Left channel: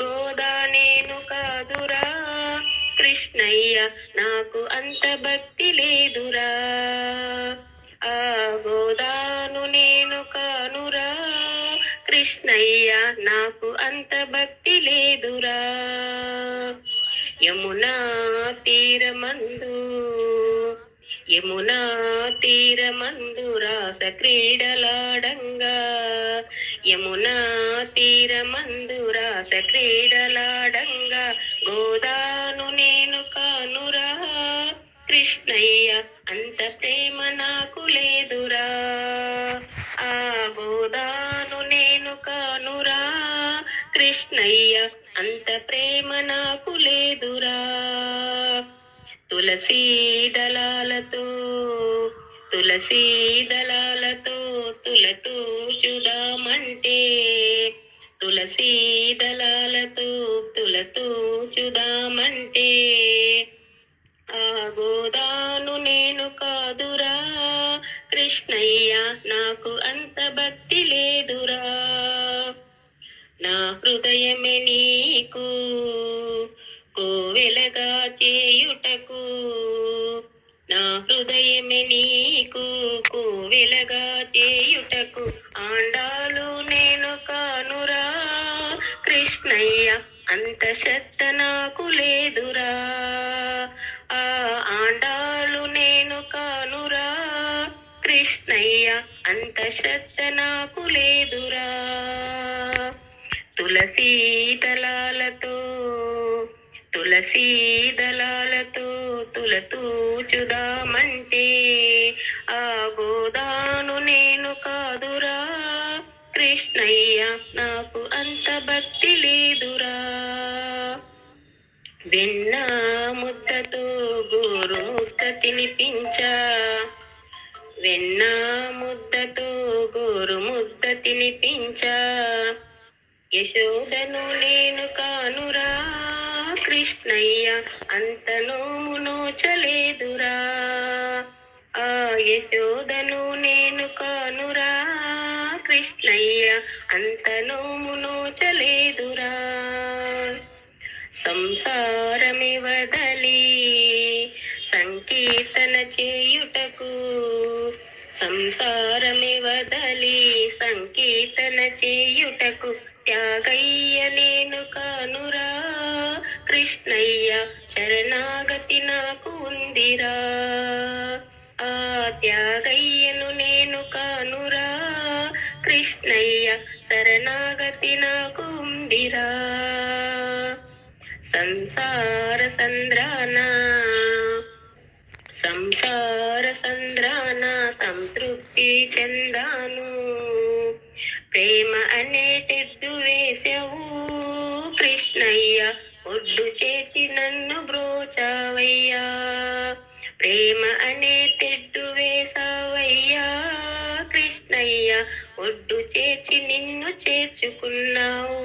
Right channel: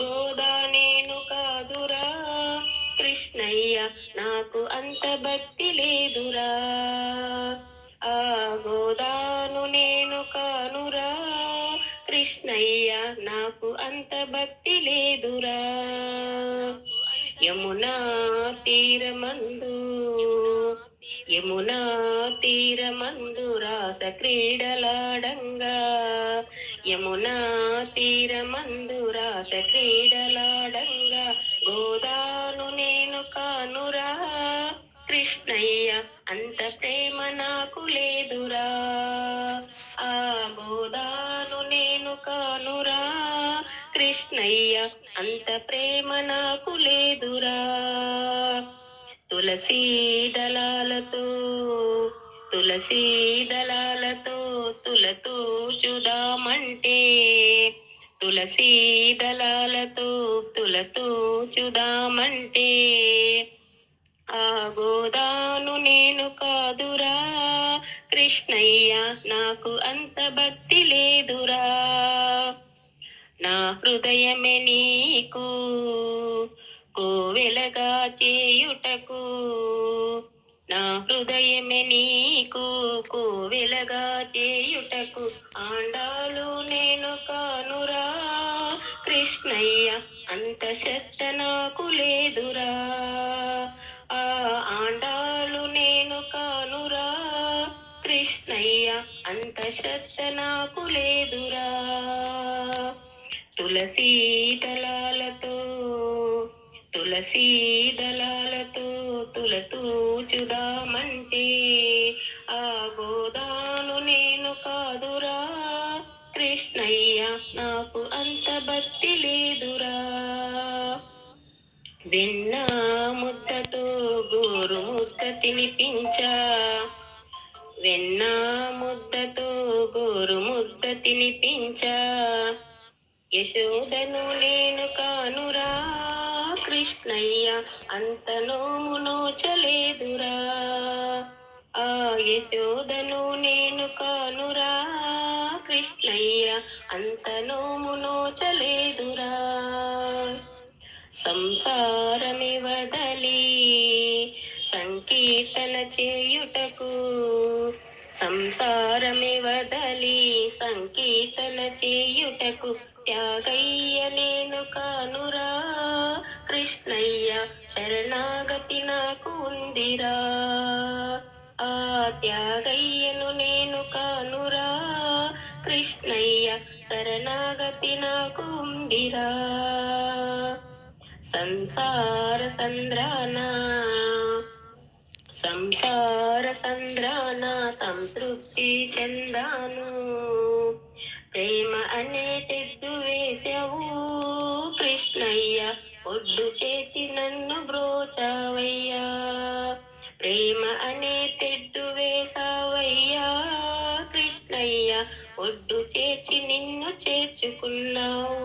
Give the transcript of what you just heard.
గోదా నేను కాదురా కృష్ణయ్య, నాకు అంత భక్తి లేదురా. ఆ గోదాను నేను కానురా కృష్ణయ్య, నాకు అంత భక్తి లేదురా. యమునా తీరమందు యమునా తీరమందు రాస క్రీడలాడంగా, యమునా తీరమందు రాస క్రీడలాడంగా, గోదాను నేను కానురా కృష్ణయ్య, అంత ప్రేమ నాకు లేదురా. ఆ గోదాను నేను కానురా కృష్ణయ్య, అంత ప్రేమ నాకు లేదురా. తులసీ దళాలతో తులతూచుదామంటే, తులసీ దళాలతో తులతూచుదామంటే, ఆ గోదాను నేను కాదురా కృష్ణయ్య, నాకు అంత భక్తి లేదురా. నా హృదయమే నీకు కోవెలగా చేయుటకు, నా హృదయమే నీకు కోవెలగా చేయుటకు, ఆండాలు నేను కానురా కృష్ణయ్య, అంత శ్రద్ధ నాకు లేదురా. ఆ ఆండాలు నేను కానురా కృష్ణయ్య, అంత శ్రద్ధ నాకు లేదురా. తులసీ దళాలతో తులతూచుదామంటే, ఆ గోదాను నేను కాదురా కృష్ణయ్య, నాకు అంత భక్తి లేదురా. వెన్న ముద్దతో గోరు ముద్ద తినిపించా, వెన్న ముద్దతో గోరు ముద్ద తినిపించా, యశోదను నేను కానురా కృష్ణయ్య, అంత నోము నోచలేదురా. ఆ యశోదను నేను కానురా కృష్ణయ్య, అంత నోము నోచలేదురా. సంసారమి వదలి సంకీర్తన చేయుటకు, సంసారమి వదలి సంకీర్తన చేయుటకు, త్యాగయ్య నేను కానురా కృష్ణయ్య, శరణాగతి నాకు ఉందిరా. ఆ త్యాగయ్యను నేను కానురా కృష్ణయ్య, శరణాగతి నాకు ఉందిరా. సంసార సంద్రాన సంతృప్తి చెందాను, ప్రేమ అనే తెద్దు వేసావు కృష్ణయ్య, ఒడ్డు చేసి నన్ను బ్రోచావయ్యా. ప్రేమ అనే తెడ్డు వేసావయ్యా కృష్ణయ్య, ఒడ్డు చేసి నిన్ను చేర్చుకున్నావు.